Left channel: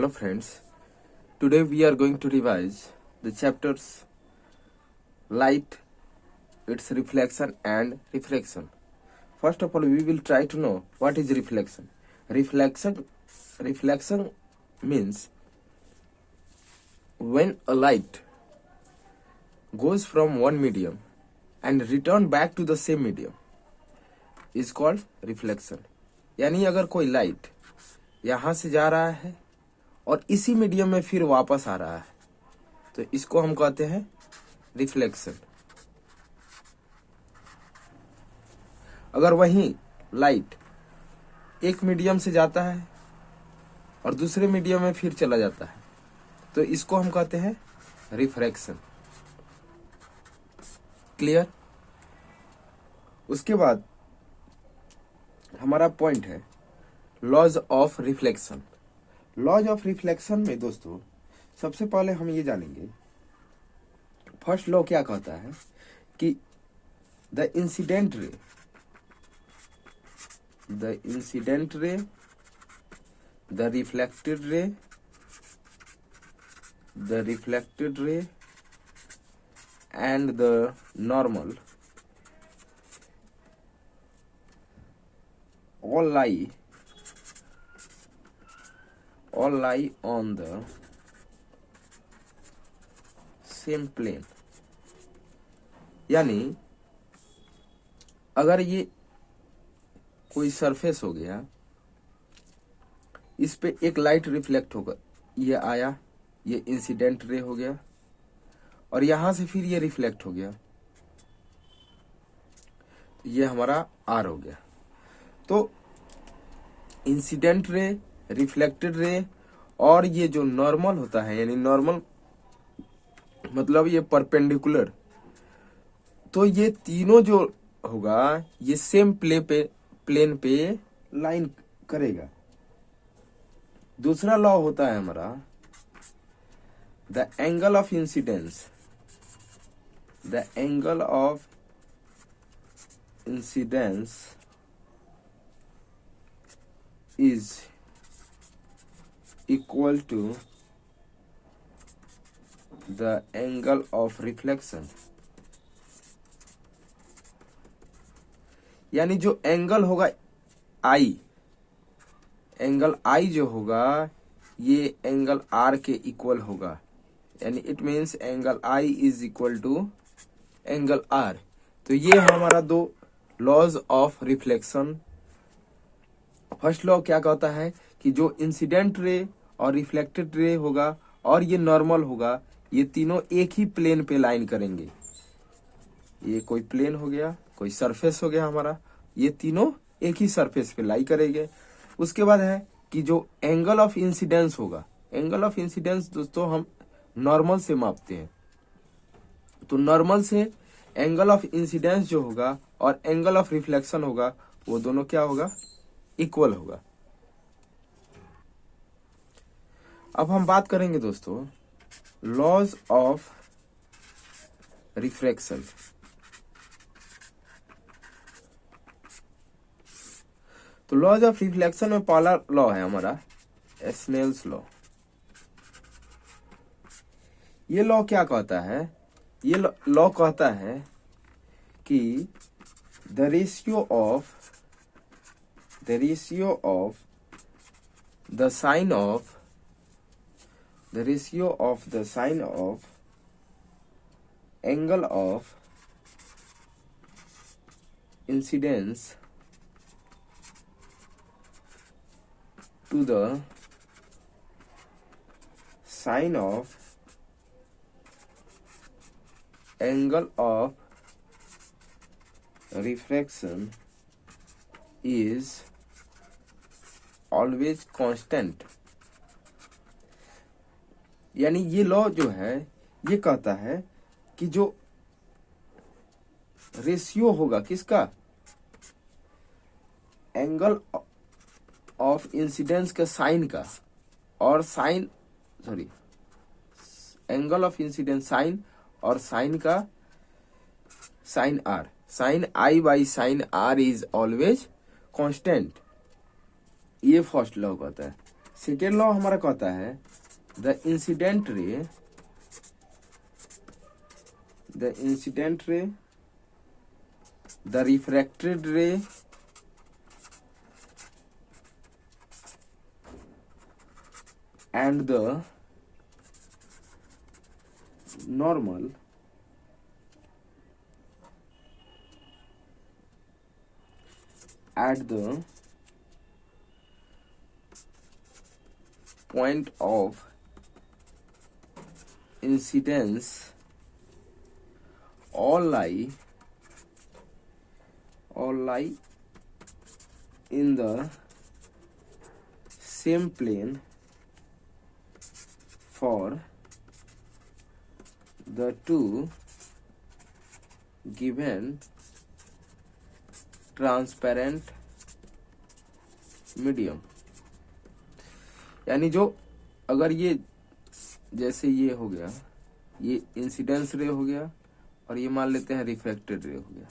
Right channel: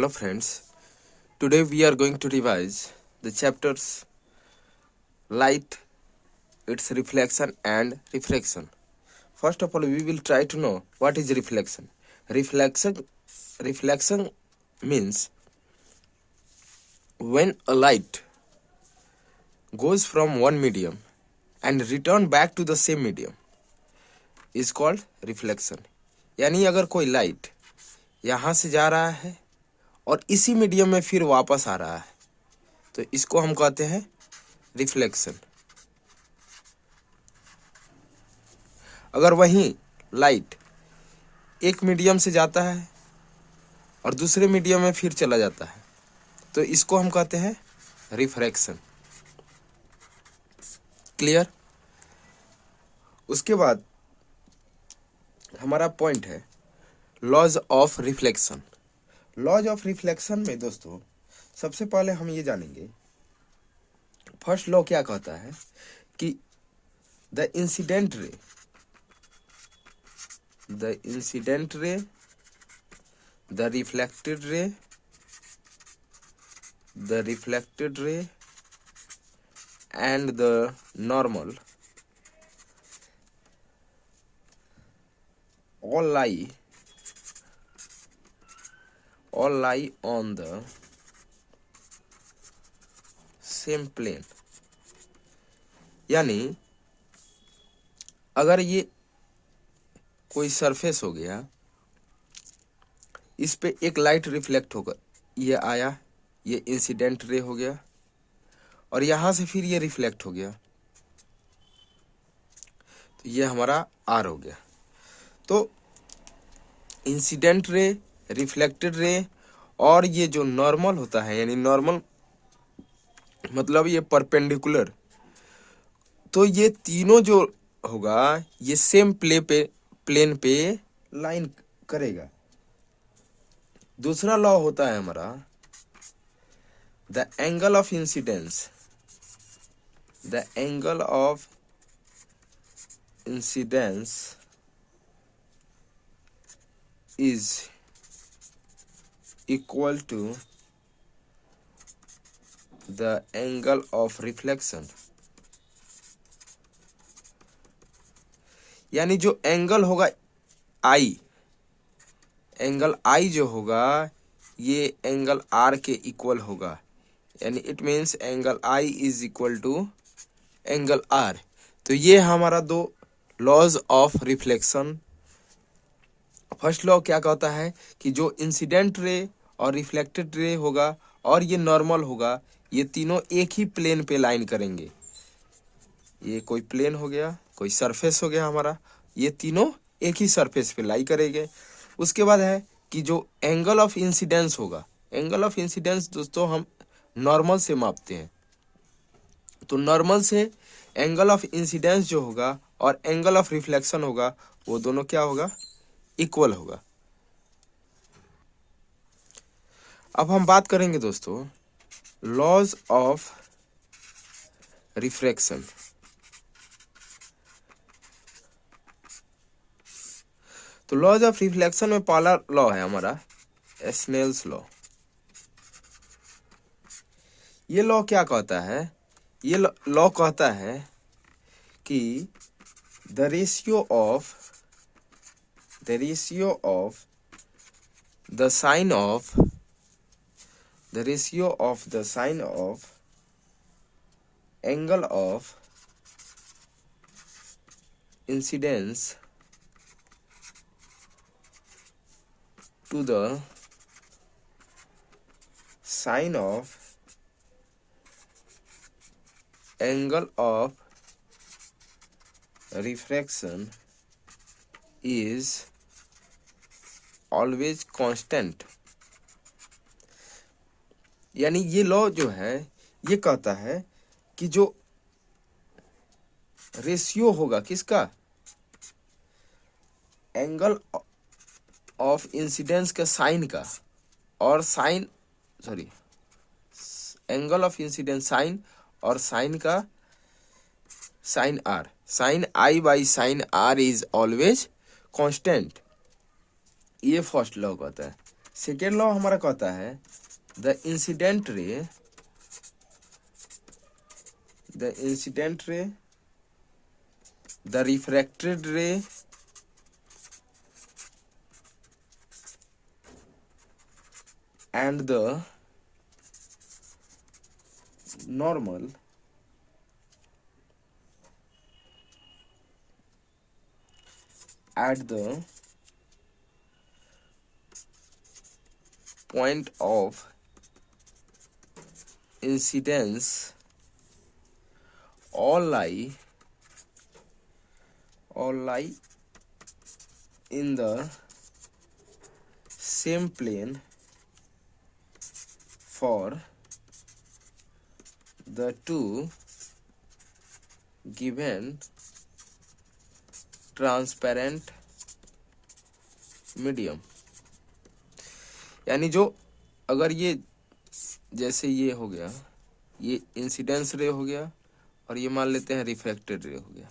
Hello friends, today we are going to revise the chapters light, its reflection and refraction. First of all, we will try to know what is reflection. Reflection means when a light goes from one medium and return back to the same medium is called reflection. यानी अगर कोई light यहाँ से जा रहा है और इसी मीडियम में फिर वापस आ रहा है तो इसको हम कहते हैं रिफ्लेक्शन। अगर वही लाइट एक मीडियम से जाता है और दूसरे मीडियम में फिर चला जाता है तो इसको हम कहते हैं रिफ्रैक्शन। क्लियर? उसके बाद हमारा पॉइंट है laws of reflection. Laws of reflection में दोस्तों सबसे पहले हम ये जानेंगे, फर्स्ट लॉ क्या कहता है कि the incident ray, the reflected ray and the normal all lie on the same plane। यानी अगर ये कोई सरफेस हो गया, इस पे एक लाइट रिफ्लेक्ट होगा, ये आया, ये इंसिडेंट रे हो गया और यहां से फिर ये रिफ्लेक्ट हो गया तो ये हमारा आर हो गया। तो इंसिडेंट रे, रिफ्लेक्टेड रे और ये जो नॉर्मल होता है, यानी नॉर्मल मतलब ये परपेंडिकुलर, तो ये तीनों जो होगा ये सेम प्लेन पे लाइन करेगा। दूसरा लॉ होता है हमारा the angle of incidence. The angle of incidence is equal to the angle of reflection। यानी जो एंगल होगा I, एंगल I जो होगा ये एंगल R के इक्वल होगा, यानी it means angle I is equal to angle R। तो ये हमारा दो laws of reflection. First law क्या कहता है कि जो इंसिडेंट रे और रिफ्लेक्टेड रे होगा और ये नॉर्मल होगा, ये तीनों एक ही प्लेन पे लाइन करेंगे। ये कोई प्लेन हो गया, कोई सरफेस हो गया हमारा, ये तीनों एक ही सरफेस पे लाई करेंगे। उसके बाद है कि जो एंगल ऑफ इंसिडेंस होगा, एंगल ऑफ इंसिडेंस दोस्तों हम नॉर्मल से मापते हैं, तो नॉर्मल से एंगल ऑफ इंसिडेंस जो होगा और एंगल ऑफ रिफ्लेक्शन होगा वो दोनों क्या होगा, इक्वल होगा। अब हम बात करेंगे दोस्तों लॉज ऑफ रिफ्रैक्शन। तो लॉज ऑफ रिफ्लेक्शन में पहला लॉ है हमारा स्नेल्स लॉ। ये लॉ क्या कहता है? ये लॉ कहता है कि the ratio of the sine of angle of incidence to the sine of angle of refraction is always constant। यानी ये लॉ जो है ये कहता है कि जो रेशियो होगा किसका, एंगल ऑफ इंसिडेंस के साइन का और एंगल ऑफ इंसिडेंस साइन और साइन का sine R, sine I by sine R is always constant. ये फर्स्ट लॉ कहता है। सेकेंड लॉ हमारा कहता है the incident ray, the refracted ray and the normal at the point of incidence all lie in the same plane for the two given transparent medium। यानी जो अगर ये जैसे ये हो गया, ये इंसिडेंस रे हो गया और ये मान लेते हैं रिफ्रैक्टेड रे हो गया,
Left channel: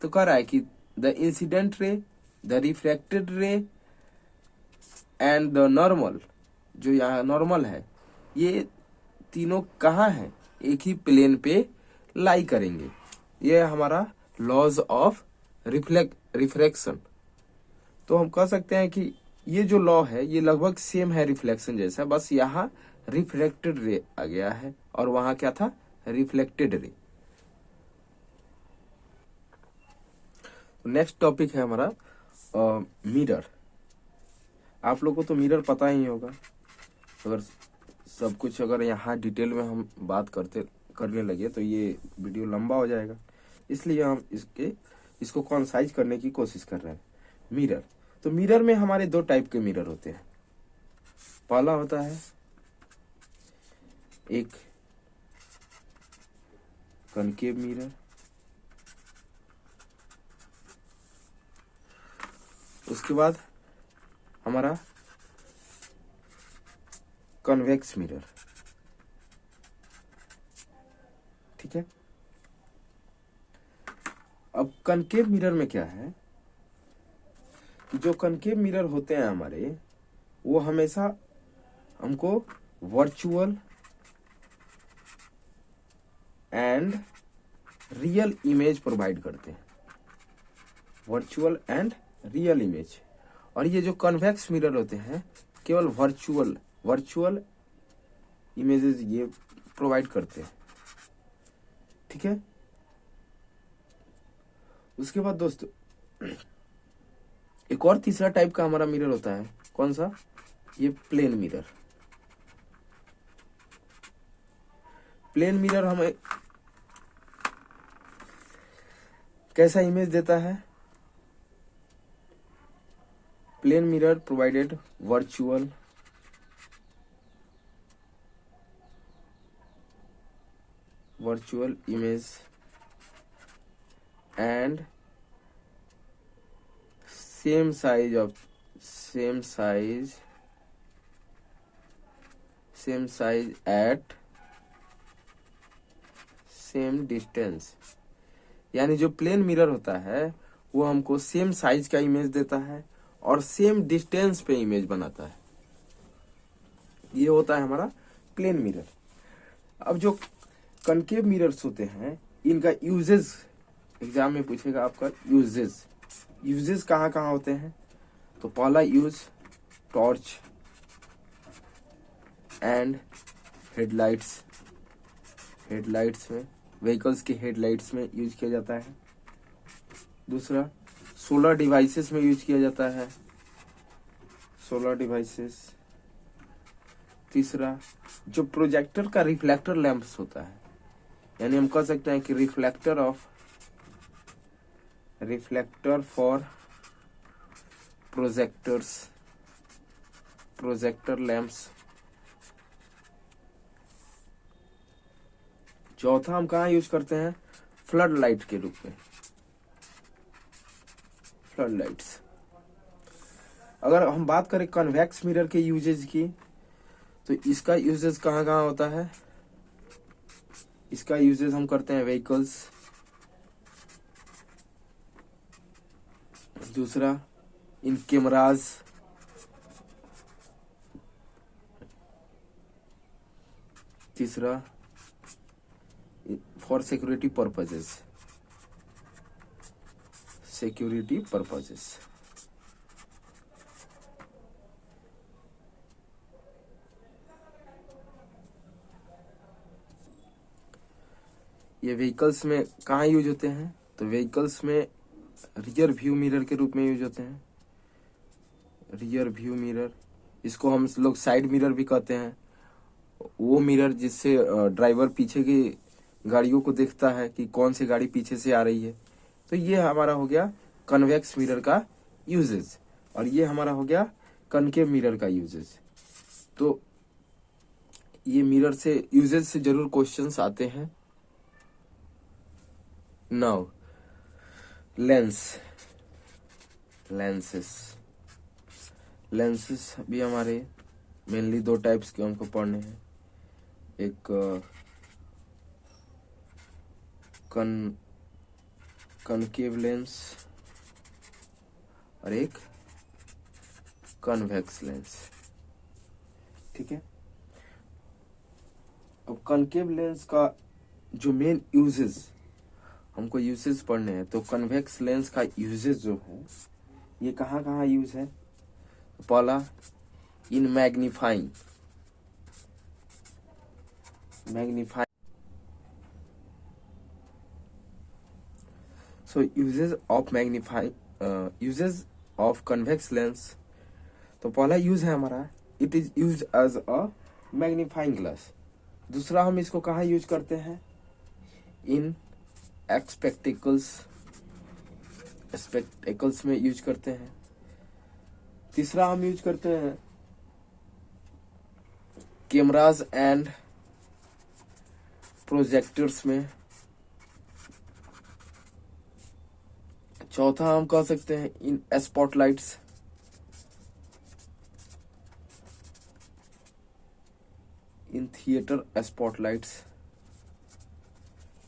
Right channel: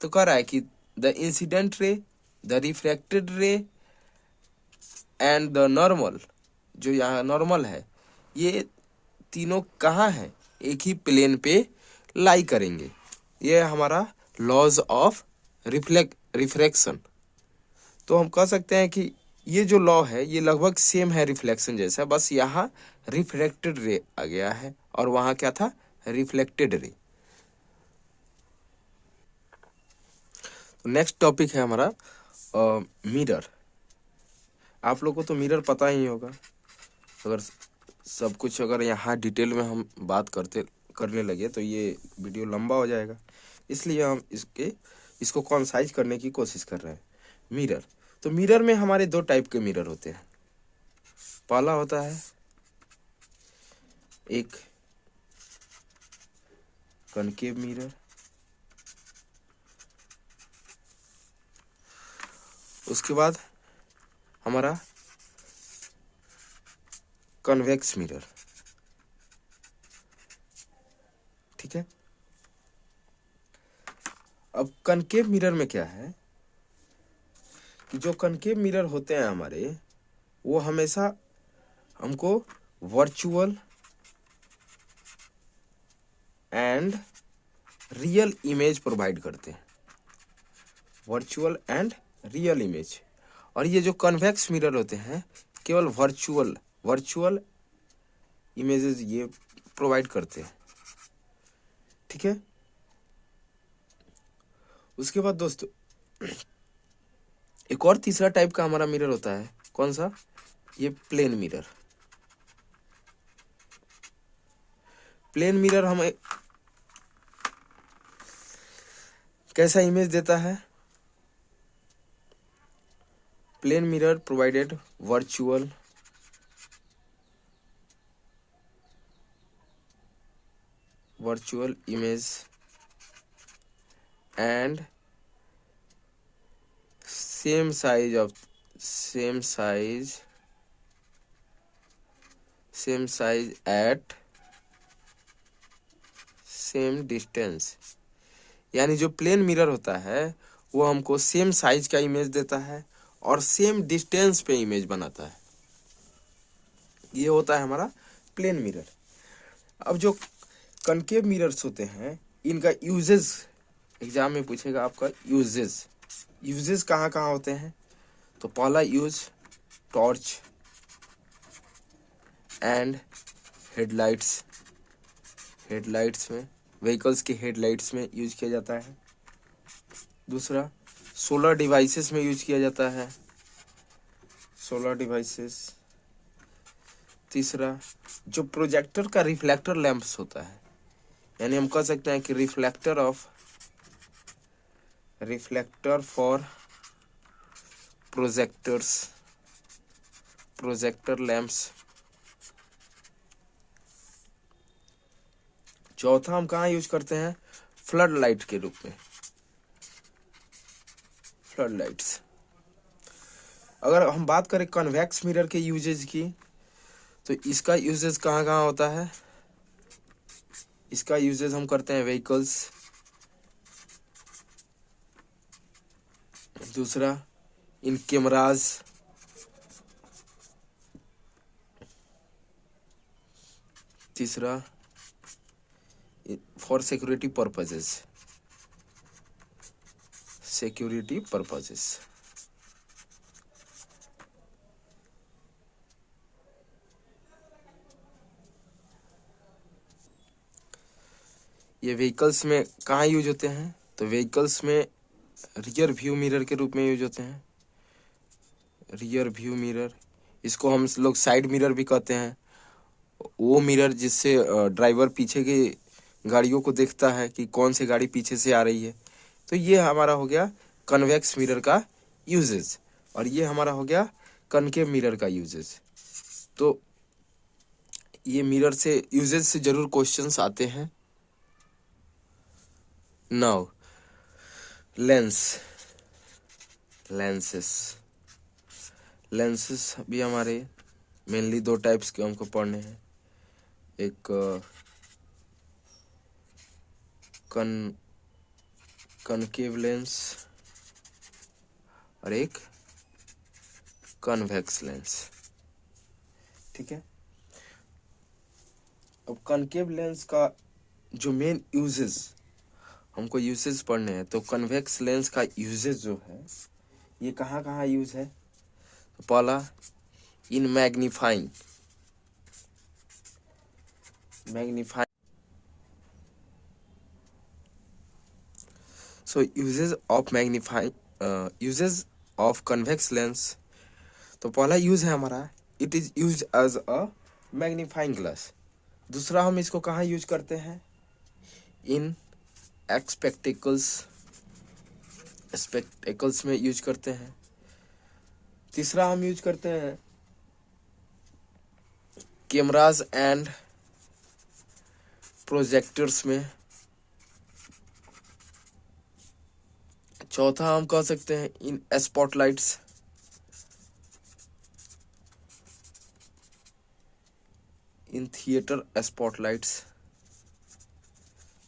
तो कह रहा है कि the incident ray, the refracted रे एंड द नॉर्मल, जो यहाँ नॉर्मल है, ये तीनों कहाँ है, एक ही प्लेन पे लाई करेंगे। ये हमारा लॉज ऑफ रिफ्रैक्शन। तो हम कह सकते हैं कि ये जो लॉ है ये लगभग सेम है रिफ्लेक्शन जैसा, बस यहाँ रिफ्रैक्टेड रे आ गया है और वहाँ क्या था, रिफ्लेक्टेड रे। नेक्स्ट टॉपिक है हमारा मिरर। आप लोग को तो मिरर पता ही होगा, अगर सब कुछ अगर यहाँ डिटेल में हम बात करने लगे तो ये वीडियो लंबा हो जाएगा, इसलिए हम इसको कॉन्साइज करने की कोशिश कर रहे हैं। मिरर, तो मिरर में हमारे दो टाइप के मिरर होते हैं। पहला होता है एक कनकेव मिरर, उसके बाद हमारा कन्वेक्स मिरर। ठीक है, अब कनकेव मिरर में क्या है कि जो कनकेव मिरर होते हैं हमारे, वो हमेशा हमको virtual and real image provide करते हैं, वर्चुअल एंड रियल इमेज। और ये जो कन्वेक्स मिरर होते हैं केवल वर्चुअल इमेजेस ये प्रोवाइड करते हैं। ठीक है, उसके बाद दोस्तों एक और तीसरा टाइप का हमारा मिरर होता है, कौन सा, ये प्लेन मिरर। प्लेन मिरर हमें कैसा इमेज देता है, plane mirror provided virtual image and same size at same distance। यानी जो प्लेन मिरर होता है वो हमको सेम साइज का इमेज देता है और सेम डिस्टेंस पे इमेज बनाता है, ये होता है हमारा प्लेन मिरर। अब जो कनकेव मिरर्स होते हैं इनका यूजेस एग्जाम में पूछेगा आपका, यूजेस कहाँ कहाँ होते हैं। तो पहला यूज टॉर्च एंड हेडलाइट्स में, व्हीकल्स के हेडलाइट्स में यूज किया जाता है। दूसरा सोलर डिवाइसेस में यूज किया जाता है, सोलर डिवाइसेस। तीसरा जो प्रोजेक्टर का रिफ्लेक्टर लैंप्स होता है, यानी हम कह सकते हैं कि रिफ्लेक्टर फॉर प्रोजेक्टर लैंप्स। चौथा हम कहाँ यूज करते हैं, फ्लड लाइट के रूप में, फ्लड लाइट्स। अगर हम बात करें कन्वेक्स मिरर के यूजेज की, तो इसका यूजेज कहाँ कहाँ होता है, इसका यूजेज हम करते हैं व्हीकल्स। दूसरा इन कैमराज, तीसरा for security purposes, security purposes. ये व्हीकल्स में कहाँ यूज होते हैं? तो व्हीकल्स में रियर व्यू मिरर के रूप में यूज होते हैं। रियर व्यू मिरर, इसको हम लोग साइड मिरर भी कहते हैं। वो मिरर जिससे ड्राइवर पीछे की गाड़ियों को देखता है कि कौन सी गाड़ी पीछे से आ रही है। तो ये हमारा हो गया कन्वेक्स मिरर का यूजेस, और ये हमारा हो गया कनकेव मिरर का यूजेस। तो ये मिरर से यूजेस से जरूर क्वेश्चंस आते हैं। नाउ लेंसेस भी हमारे मेनली दो टाइप्स के हमको पढ़ने हैं। एक कनकेव लेंस और एक कन्वेक्स लेंस। ठीक है, अब कनकेव लेंस का जो मेन यूजेस, हमको यूजेस पढ़ने हैं। तो कन्वेक्स लेंस का यूजेस जो है ये कहाँ कहाँ यूज है? तो पहला, इन magnifying so uses of convex lens। तो पहला यूज है हमारा, it is use as a magnifying glass. दूसरा हम इसको कहाँ यूज करते हैं? इन स्पेक्टेकल्स में यूज करते हैं। तीसरा हम यूज करते हैं कैमराज एंड प्रोजेक्टर्स में। चौथा हम कह सकते हैं in spotlights, in theatre spotlights,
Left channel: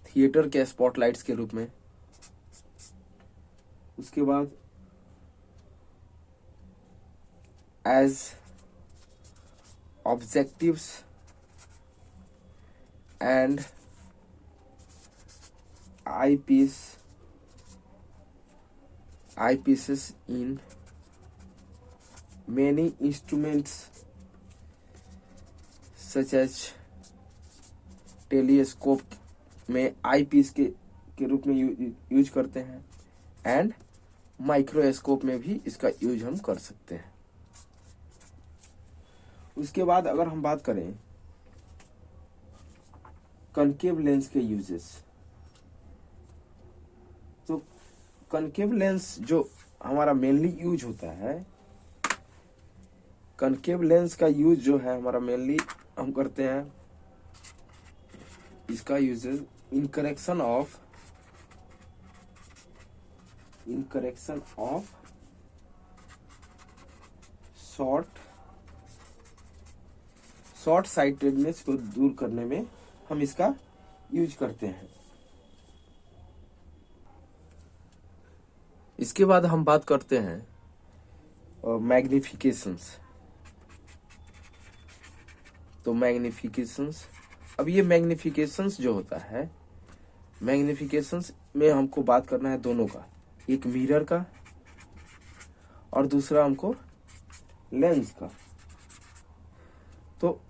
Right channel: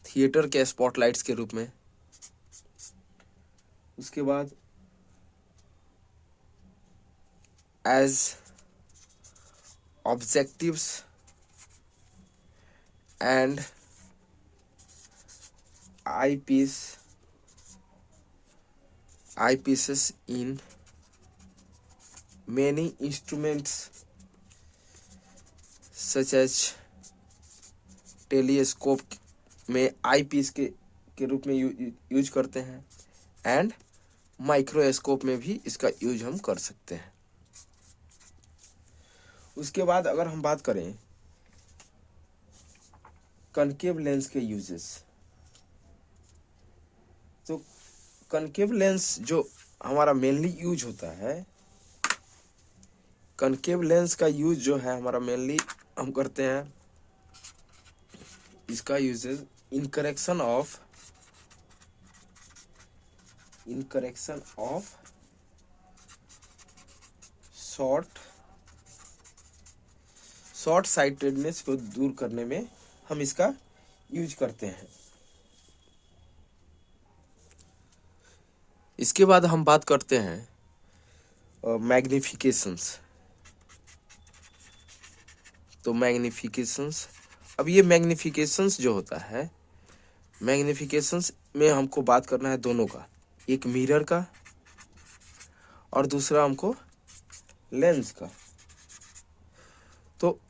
theatre के स्पॉटलाइट्स के रूप में। उसके बाद as objectives and eyepieces in many instruments such as telescope में आई पीस के रूप में यूज करते हैं, एंड माइक्रोस्कोप में भी इसका यूज हम कर सकते हैं। उसके बाद अगर हम बात करें कनकेव लेंस के यूजेस, तो कनकेव लेंस जो हमारा मेनली यूज होता है, कनकेव लेंस का यूज जो है हमारा मेनली हम करते हैं, इसका uses in correction of short sightedness को दूर करने में हम इसका यूज करते हैं। इसके बाद हम बात करते हैं मैग्निफिकेशंस। तो मैग्निफिकेशंस, अब ये मैग्निफिकेशंस जो होता है, मैग्निफिकेशंस में हमको बात करना है दोनों का, एक मिरर का और दूसरा हमको लेंस का। तो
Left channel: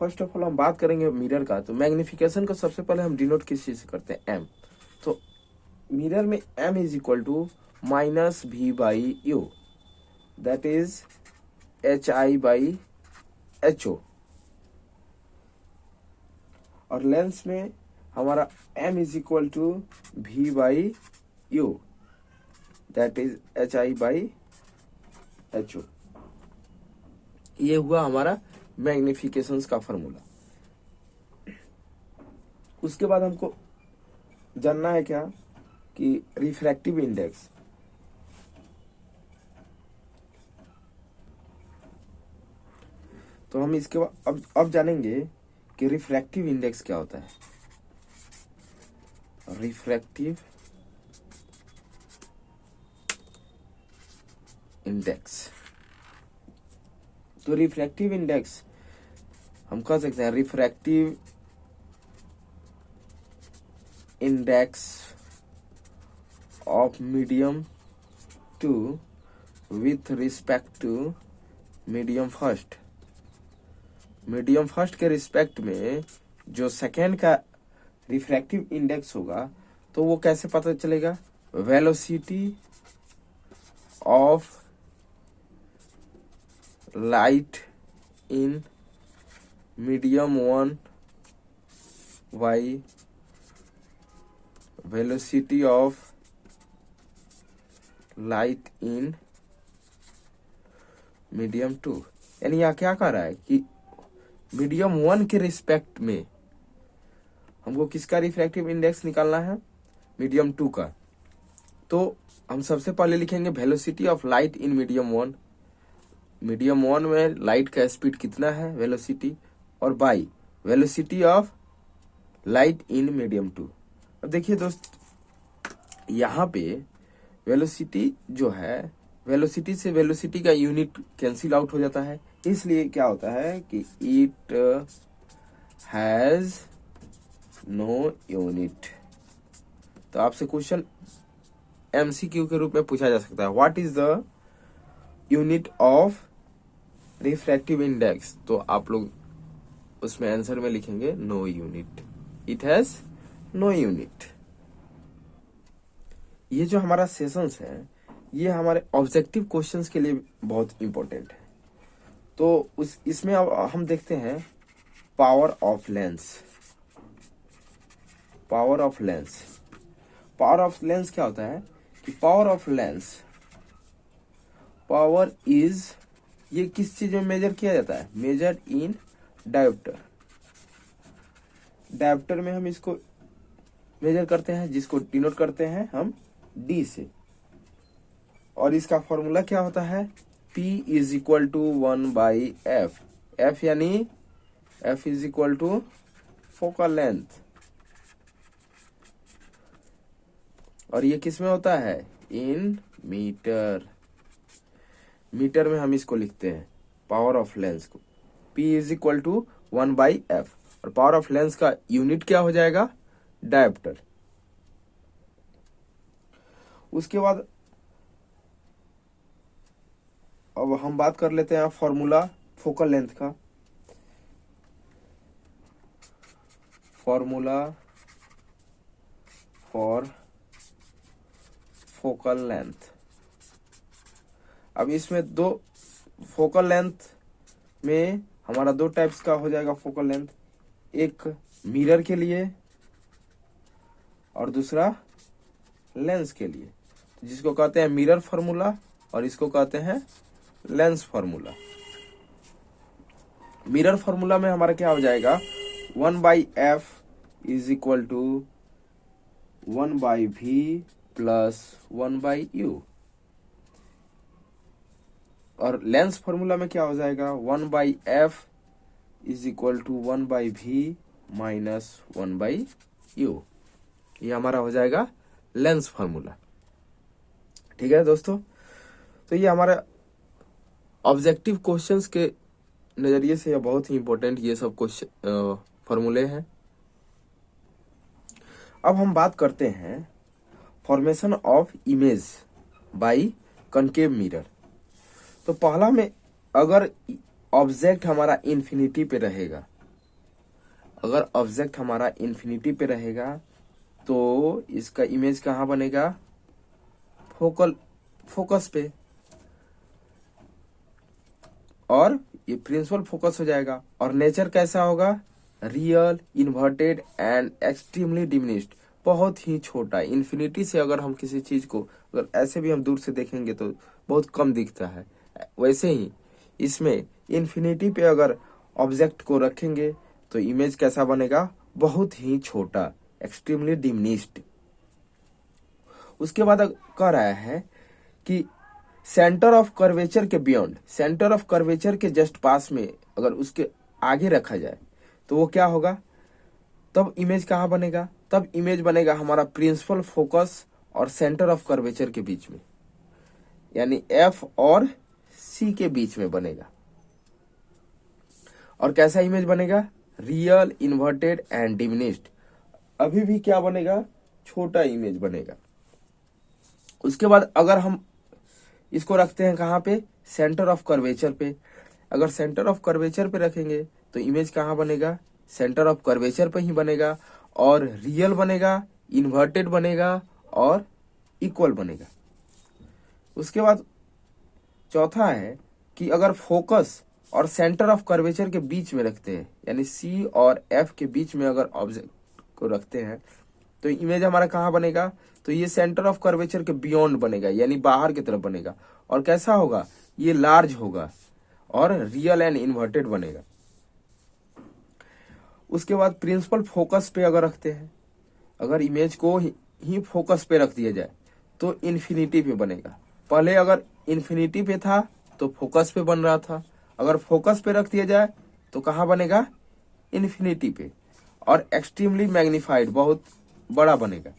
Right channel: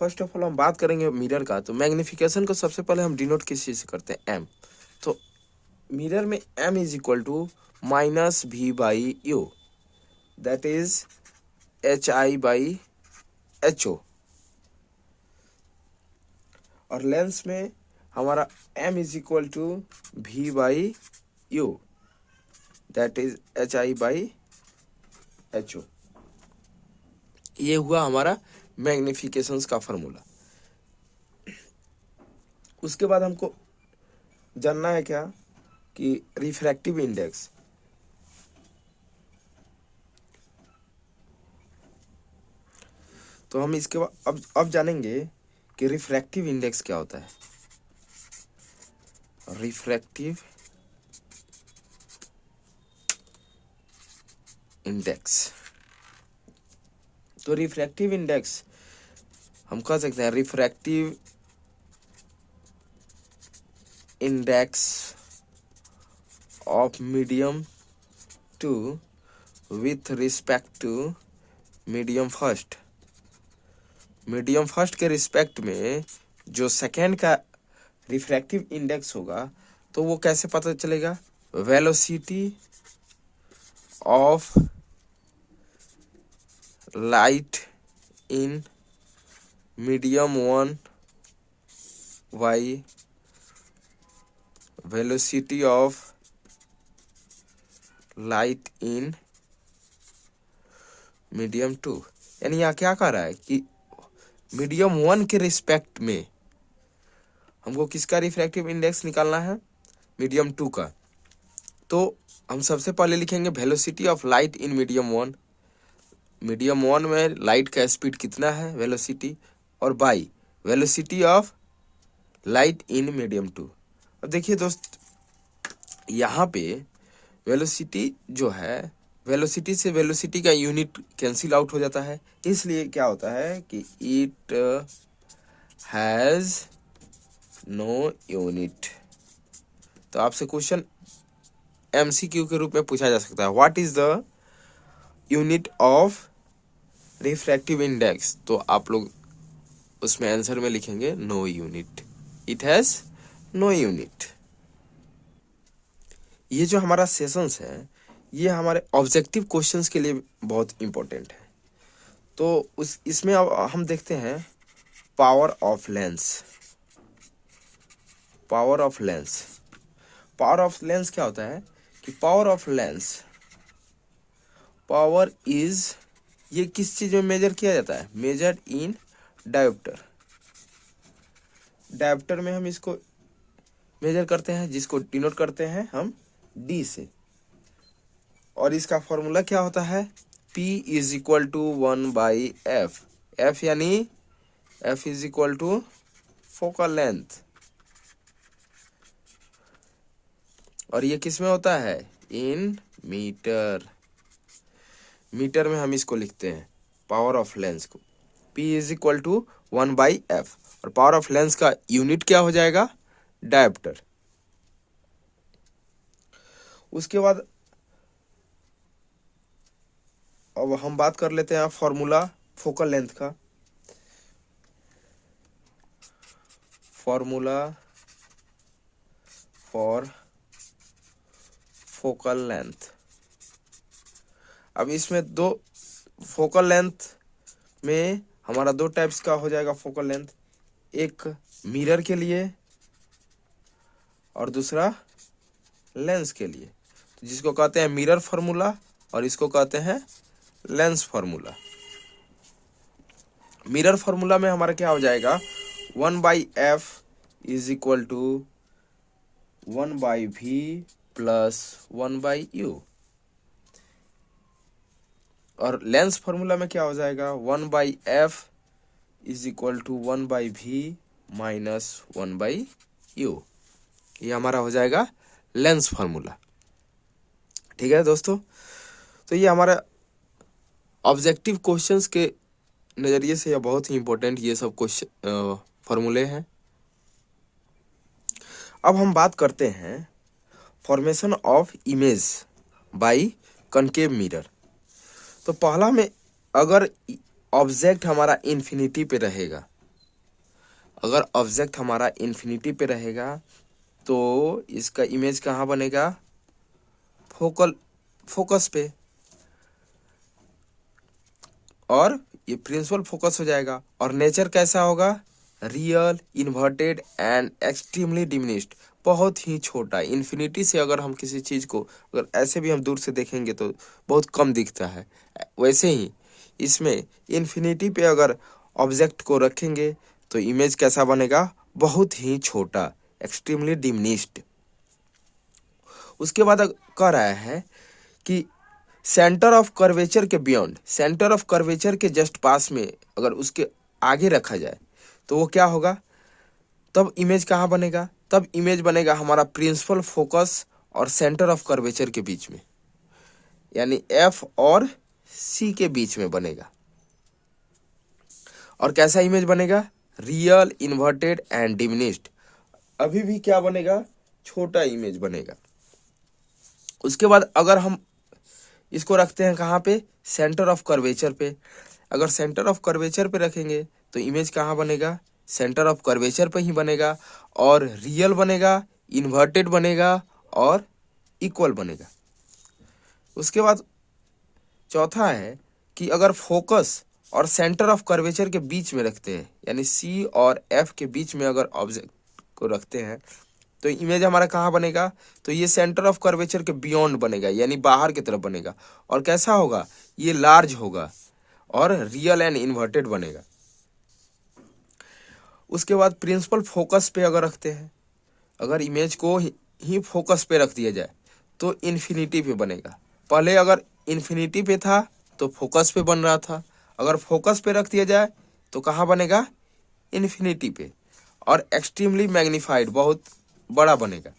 फर्स्ट ऑफ ऑल हम बात करेंगे मिरर का। तो मैग्निफिकेशन को सबसे पहले हम डिनोट किस चीज से करते हैं? एम। तो मिरर में m is equal to -v/u, that is hi/ho। और लेंस में हमारा m is equal to v/u, that is hi/ho। ये हुआ हमारा मैग्निफिकेशंस का फॉर्मूला। उसके बाद हमको जानना है क्या कि रिफ्रैक्टिव इंडेक्स। तो हम इसके बाद अब जानेंगे कि रिफ्रैक्टिव इंडेक्स क्या होता है। रिफ्रैक्टिव इंडेक्स, तो रिफ्रैक्टिव इंडेक्स हम कह सकते हैं refractive index of medium two with respect to medium first. Medium first के रिस्पेक्ट में जो सेकेंड का रिफ्रैक्टिव इंडेक्स होगा तो वो कैसे पता चलेगा? Velocity of light in medium one by velocity of light in medium two. यानी यहाँ क्या कह रहा है कि मीडियम वन के रिस्पेक्ट में हमको किसका रिफ्रैक्टिव इंडेक्स निकालना है? मीडियम टू का। तो हम सबसे पहले लिखेंगे velocity of light in medium one. Medium one में लाइट का स्पीड कितना है, वेलोसिटी, और by velocity of light in medium two. अब देखिए दोस्त, यहाँ पे वेलोसिटी जो है, वेलोसिटी से वेलोसिटी का यूनिट कैंसिल आउट हो जाता है, इसलिए क्या होता है कि इट हैज नो यूनिट। तो आपसे क्वेश्चन एमसीक्यू के रूप में पूछा जा सकता है, what is the unit of refractive index? तो आप लोग उसमें आंसर में लिखेंगे no unit, it has no unit. ये जो हमारा सेशंस है ये हमारे ऑब्जेक्टिव क्वेश्चंस के लिए बहुत इंपॉर्टेंट है। तो इसमें अब हम देखते हैं power of lens. Power of lens, power of lens क्या होता है कि power of lens, power is, ये किस चीज में मेजर किया जाता है? Measure in dioptre. डायोप्टर में हम इसको मेजर करते हैं, जिसको डिनोट करते हैं हम डी से, और इसका फॉर्मूला क्या होता है? P is equal to 1/f। f यानी f is equal to focal length, और ये किस में होता है? In metre. मीटर में हम इसको लिखते हैं पावर ऑफ लेंस को, P is equal to 1/f, और पावर ऑफ लेंस का यूनिट क्या हो जाएगा? डायोप्टर। उसके बाद अब हम बात कर लेते हैं फॉर्मूला फोकल लेंथ का। Formula for focal length. अब इसमें दो फोकल लेंथ में हमारा दो टाइप्स का हो जाएगा फोकल लेंथ, एक मिरर के लिए और दूसरा लेंस के लिए, जिसको कहते हैं मिरर फार्मूला और इसको कहते हैं लेंस फार्मूला। मिरर फार्मूला में हमारा क्या हो जाएगा? 1/f is equal to 1/v plus 1/u, और लेंस फार्मूला में क्या हो जाएगा? 1/f is equal to 1/v minus 1/u। ये हमारा हो जाएगा लेंस फार्मूला। ठीक है दोस्तों, तो ये हमारा ऑब्जेक्टिव क्वेश्चंस के नज़रिए से ये बहुत ही इंपॉर्टेंट ये सब क्वेश्चन फॉर्मूले हैं। अब हम बात करते हैं formation of image by concave mirror. तो पहला में, अगर ऑब्जेक्ट हमारा इन्फिनिटी पे रहेगा, अगर ऑब्जेक्ट हमारा इन्फिनिटी पे रहेगा तो इसका इमेज कहाँ बनेगा? फोकस पे, और ये प्रिंसिपल फोकस हो जाएगा। और नेचर कैसा होगा? Real, inverted and extremely diminished, बहुत ही छोटा। इन्फिनिटी से अगर हम किसी चीज़ को अगर ऐसे भी हम दूर से देखेंगे तो बहुत कम दिखता है, वैसे ही इसमें इन्फिनिटी पे अगर ऑब्जेक्ट को रखेंगे तो इमेज कैसा बनेगा? बहुत ही छोटा, एक्सट्रीमली डिमिनिश्ड। उसके बाद कह रहा है कि सेंटर ऑफ कर्वेचर के बियॉन्ड, सेंटर ऑफ कर्वेचर के जस्ट पास में अगर उसके आगे रखा जाए तो वो क्या होगा? तब इमेज कहाँ बनेगा? तब इमेज बनेगा हमारा प्रिंसिपल फोकस और सेंटर ऑफ कर्वेचर के बीच में, यानी F और C के बीच में बनेगा। और कैसा इमेज बनेगा, रियल, इन्वर्टेड एंड डिमिनिश्ड। अभी भी क्या बनेगा, छोटा इमेज बनेगा। उसके बाद अगर हम इसको रखते हैं कहाँ पे, सेंटर ऑफ कर्वेचर पे। अगर सेंटर ऑफ कर्वेचर पे रखेंगे तो इमेज कहाँ बनेगा, सेंटर ऑफ कर्वेचर पे ही बनेगा, और रियल बनेगा, इन्वर्टेड बनेगा और इक्वल बनेगा। उसके बाद चौथा है कि अगर फोकस और सेंटर ऑफ कर्वेचर के बीच में रखते हैं, यानी सी और एफ के बीच में अगर ऑब्जेक्ट को रखते हैं तो इमेज हमारा कहाँ बनेगा, तो ये सेंटर ऑफ कर्वेचर के बियॉन्ड बनेगा, यानी बाहर की तरफ बनेगा। और कैसा होगा, ये लार्ज होगा और रियल एंड इन्वर्टेड बनेगा। उसके बाद प्रिंसिपल फोकस पे अगर रखते हैं, अगर इमेज को ही फोकस पे रख दिया जाए तो इन्फिनिटी पे बनेगा। पहले अगर इन्फिनिटी पे था तो फोकस पे बन रहा था, अगर फोकस पे रख दिया जाए तो कहाँ बनेगा, इन्फिनिटी पे, और एक्सट्रीमली मैग्नीफाइड, बहुत बड़ा बनेगा।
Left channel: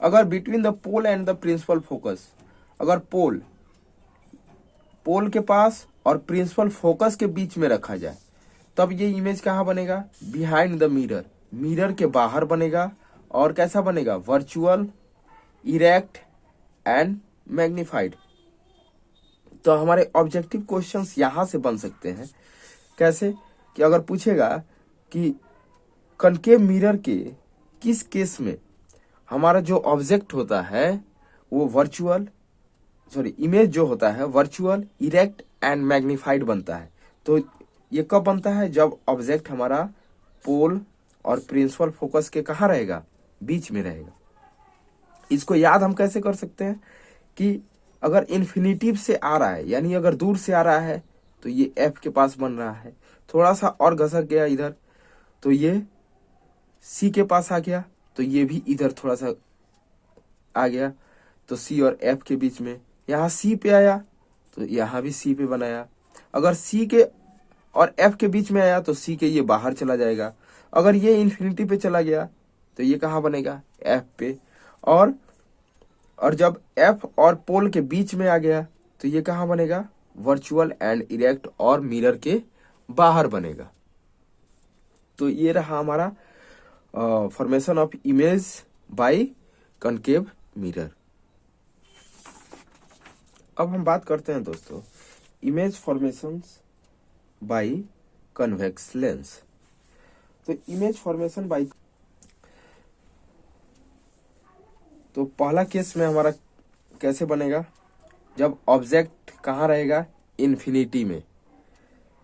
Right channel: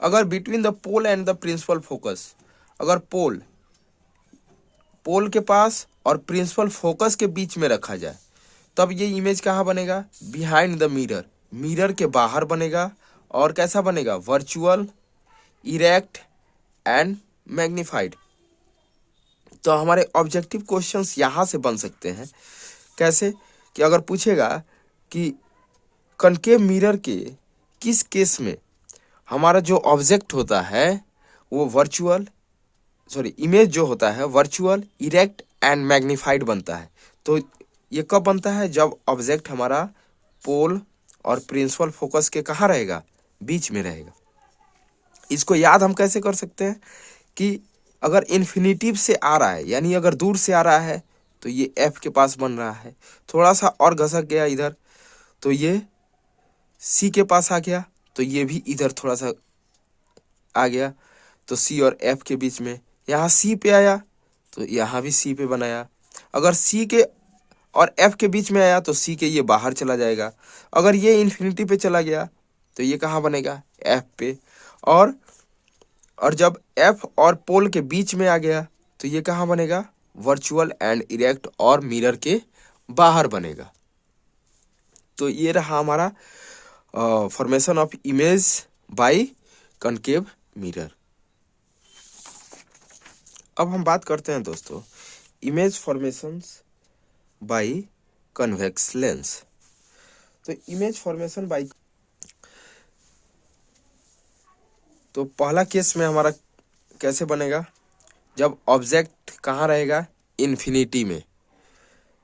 अगर between the pole and the principal focus, अगर पोल के पास और प्रिंसिपल फोकस के बीच में रखा जाए तब ये इमेज कहाँ बनेगा, बिहाइंड द मिरर, मिरर के बाहर बनेगा। और कैसा बनेगा, वर्चुअल, इरेक्ट एंड मैग्नीफाइड। तो हमारे ऑब्जेक्टिव क्वेश्चंस यहाँ से बन सकते हैं। कैसे, कि अगर पूछेगा कि कनकेव मिरर के किस केस में हमारा जो ऑब्जेक्ट होता है वो इमेज जो होता है वर्चुअल, इरेक्ट एंड मैग्नीफाइड बनता है, तो ये कब बनता है, जब ऑब्जेक्ट हमारा पोल और प्रिंसिपल फोकस के कहाँ रहेगा, बीच में रहेगा। इसको याद हम कैसे कर सकते हैं कि अगर इन्फिनिटिव से आ रहा है, यानी अगर दूर से आ रहा है तो ये एफ के पास बन रहा है, थोड़ा सा और घसक गया इधर तो ये सी के पास आ गया, तो ये भी इधर थोड़ा सा आ गया, तो सी और एफ के बीच में। यहाँ सी पे आया तो यहाँ भी सी पे बनाया। अगर सी के और एफ के बीच में आया तो सी के ये बाहर चला जाएगा। अगर ये इन्फिनिटी पे चला गया तो ये कहाँ बनेगा, एफ पे। और जब एफ और पोल के बीच में आ गया तो ये कहाँ बनेगा, वर्चुअल एंड इरेक्ट और मिरर के बाहर बनेगा। तो ये रहा हमारा formation of image by concave mirror. अब हम बात करते हैं दोस्तों image formations by convex lens. तो इमेज फॉर्मेशन बाय, तो पहला केस में हमारा कैसे बनेगा, जब ऑब्जेक्ट कहाँ रहेगा, इन्फिनिटी में।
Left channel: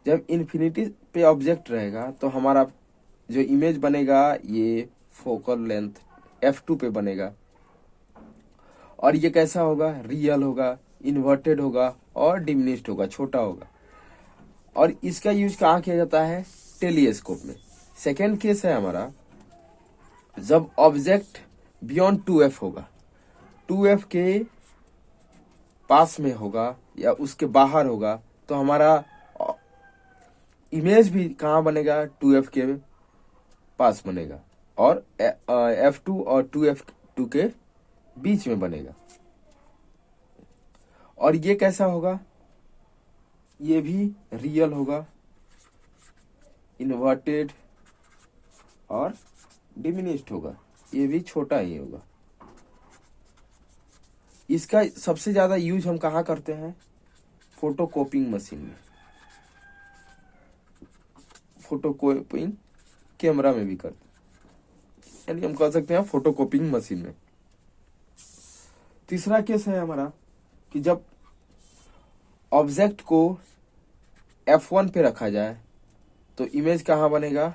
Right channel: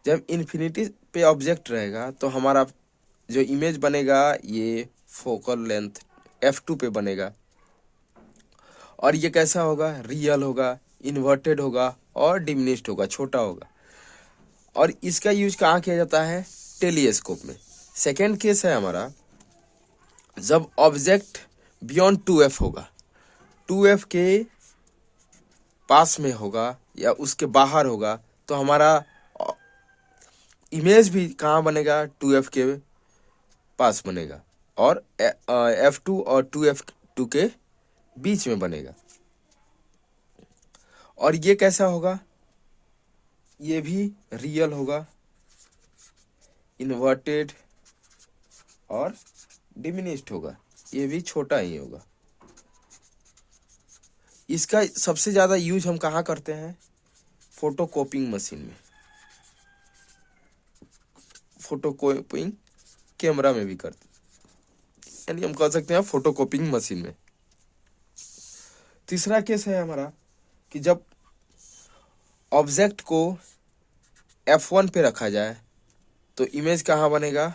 जब इन्फिनिटी पे ऑब्जेक्ट रहेगा तो हमारा जो इमेज बनेगा ये फोकल लेंथ f2 पे बनेगा। और ये कैसा होगा, रियल होगा, इन्वर्टेड होगा और डिमिनिश्ड होगा, छोटा होगा। और इसका यूज कहाँ किया जाता है, टेलीस्कोप में। सेकेंड केस है हमारा जब ऑब्जेक्ट बियॉन्ड 2f होगा, 2f के पास में होगा या उसके बाहर होगा, तो हमारा इमेज भी कहाँ बनेगा, 2f के पास बनेगा और f2 और 2f2 के बीच में बनेगा। और ये कैसा होगा, ये भी रियल होगा, इन्वर्टेड और डिमिनिश्ड होगा, ये भी छोटा ही होगा। इसका सबसे ज्यादा यूज हम कहाँ करते हैं, फोटोकॉपिंग मशीन में, फोटोकॉपिंग कैमरा में भी करते हैं, यानी हम कह सकते हैं फोटोकॉपिंग मशीन में। तीसरा केस है हमारा कि जब ऑब्जेक्ट को f1 पे रखा जाए तो इमेज कहाँ बनेगा,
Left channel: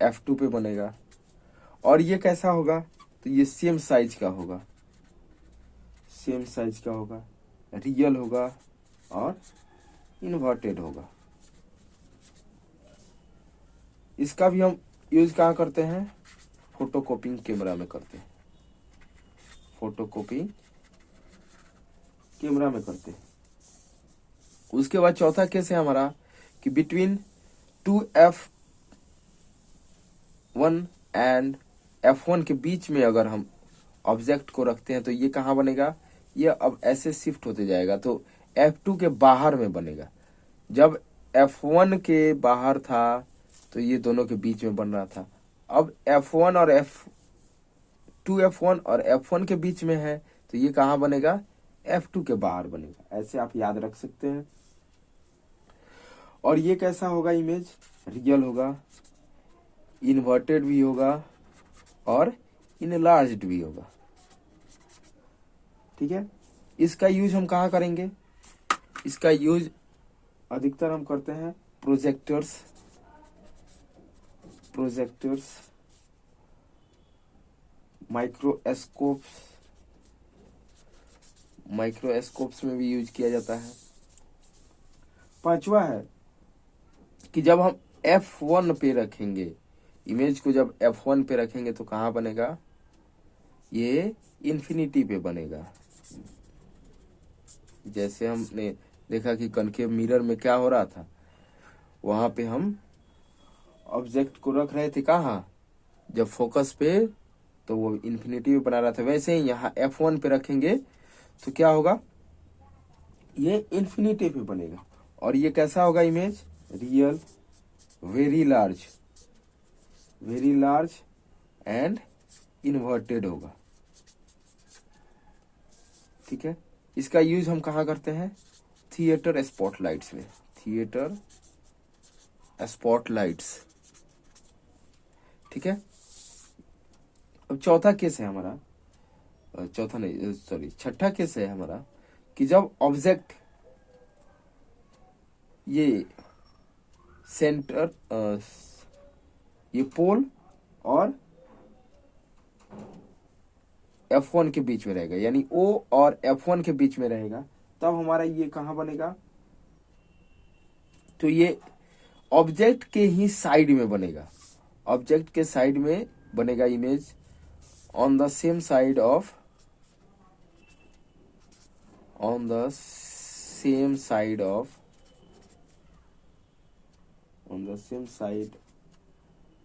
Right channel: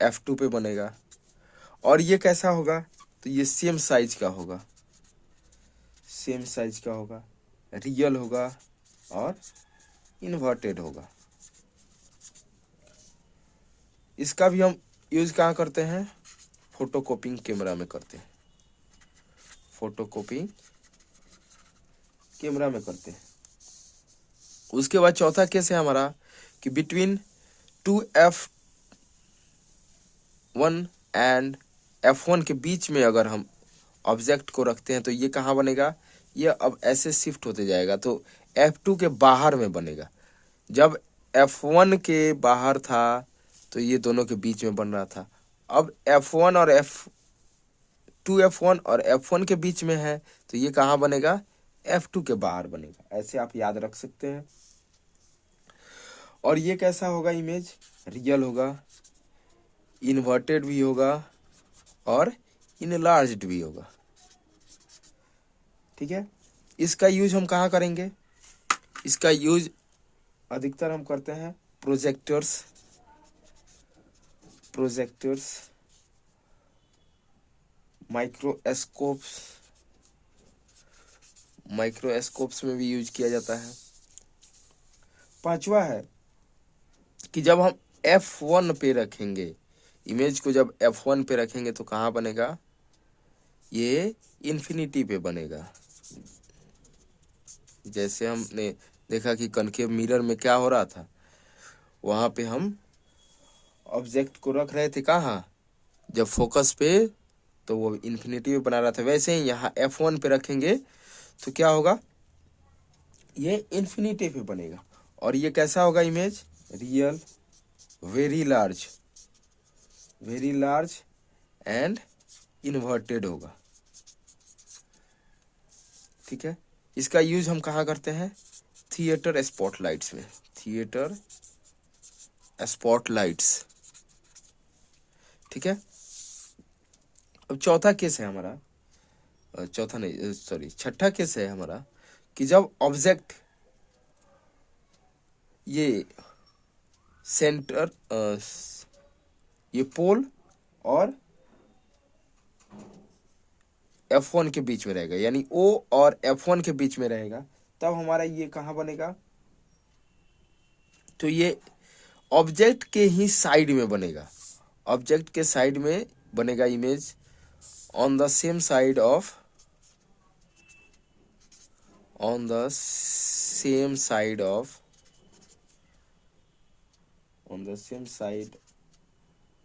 f2 पे बनेगा। और ये कैसा होगा, तो ये सेम साइज का होगा, रियल होगा और इन्वर्टेड होगा। इसका भी हम यूज कहाँ करते हैं, फोटोकॉपिंग कैमरा में करते हैं, फोटोकॉपिंग कैमरा में करते हैं। उसके बाद चौथा केस है हमारा कि बिटवीन 2f1 एंड f1 के बीच में अगर हम ऑब्जेक्ट को रखते हैं तो ये कहाँ बनेगा, ये अब ऐसे शिफ्ट होते जाएगा तो f2 के बाहर में बनेगा। जब F1 के बाहर था तो ये दोनों के बीच में बन रहा था। अब F1 और F1 और F1 के बीच में है तो ये कहाँ बनेगा, F2 के बाहर बनेगा। ऐसे आप याद रख सकते हैं। और ये कैसा होगा इमेज, रियल होगा, इन्वर्टेड भी होगा और इनलार्ज्ड भी होगा। ठीक है, इसका यूज हम कहाँ करेंगे, इसका यूज अधिकतर हम करते हैं प्रोजेक्टर्स माइक्रोस्कोप्स में भी यूज किया जाता है। पांचवा है कि जब हम F1 पे रखेंगे इमेज को, जब F1 पे रखेंगे तो कहाँ बनेगा, ये इन्फिनिटी पे बनेगा। जैसे हमने देखा कि कनकेव मिरर में क्या हो रहा था, वहां पे हम ऑब्जेक्ट को रख रहे थे कहाँ, जब फोकस पे, तो वो इन्फिनिटी पे बना रहा था। वैसे ही यहाँ F1 पे रखेंगे तो क्या होगा, ये इन्फिनिटी पे बनेगा। और ये कैसा होगा image, real, very large and inverted होगा। ठीक है, इसका यूज हम कहाँ करते हैं, थिएटर स्पॉटलाइट्स में, थिएटर स्पॉटलाइट्स। ठीक है, अब चौथा केस है हमारा, चौथा नहीं सॉरी छठा केस है हमारा कि जब ऑब्जेक्ट ये सेंटर ये पोल और F1 के बीच में रहेगा, यानी O और F1 के बीच में रहेगा, तब हमारा ये कहाँ बनेगा, तो ये ऑब्जेक्ट के ही साइड में बनेगा, ऑब्जेक्ट के साइड में बनेगा image, on the same side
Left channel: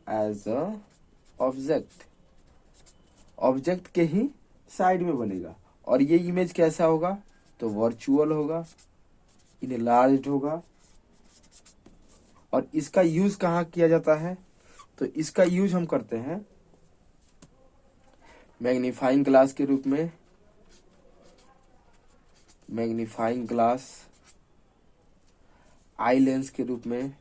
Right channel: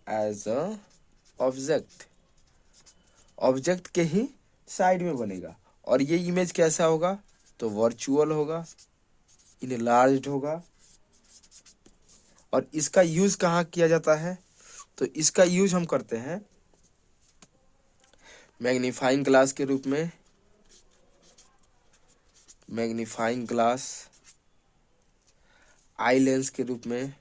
as a object के ही साइड में बनेगा। और ये इमेज कैसा होगा, तो वर्चुअल होगा, इनलार्ज्ड होगा। और इसका यूज कहाँ किया जाता है, तो इसका यूज हम करते हैं मैग्नीफाइंग ग्लास के रूप में, मैग्नीफाइंग ग्लास, आई लेंस के रूप में,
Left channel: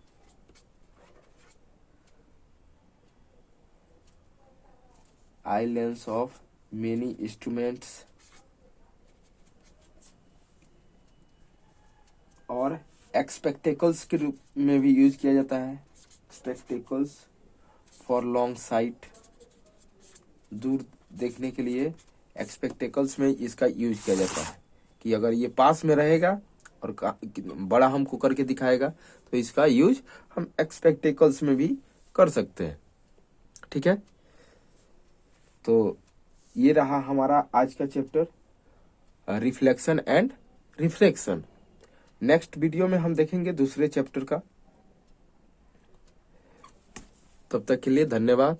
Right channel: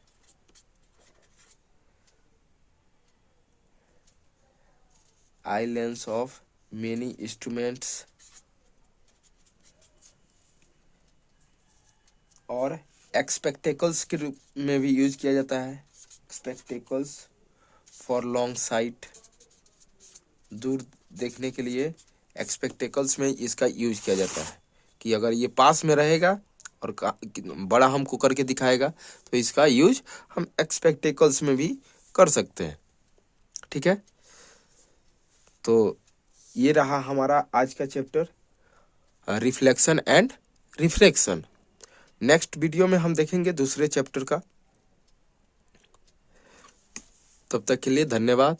eye lens of many instruments, और एक्सपेक्टेकल्स के रूप में भी यूज किया जाता है, एक्सपेक्टेकल्स फॉर लॉन्ग साइट, दूर देखने के लिए एक्सपेक्टेकल्स में इसका यूज किया जाता है कि अगर ये पास में रहेगा और बड़ा हमको करके दिखाएगा तो इसका यूज हम एक्सपेक्टेकल्स में भी कर सकते हैं। ठीक है, तो ये रहा हमारा आज का chapter, reflection and refraction. Next video में हम देखेंगे दूसरे चैप्टर का। तब तक के लिए धन्यवाद।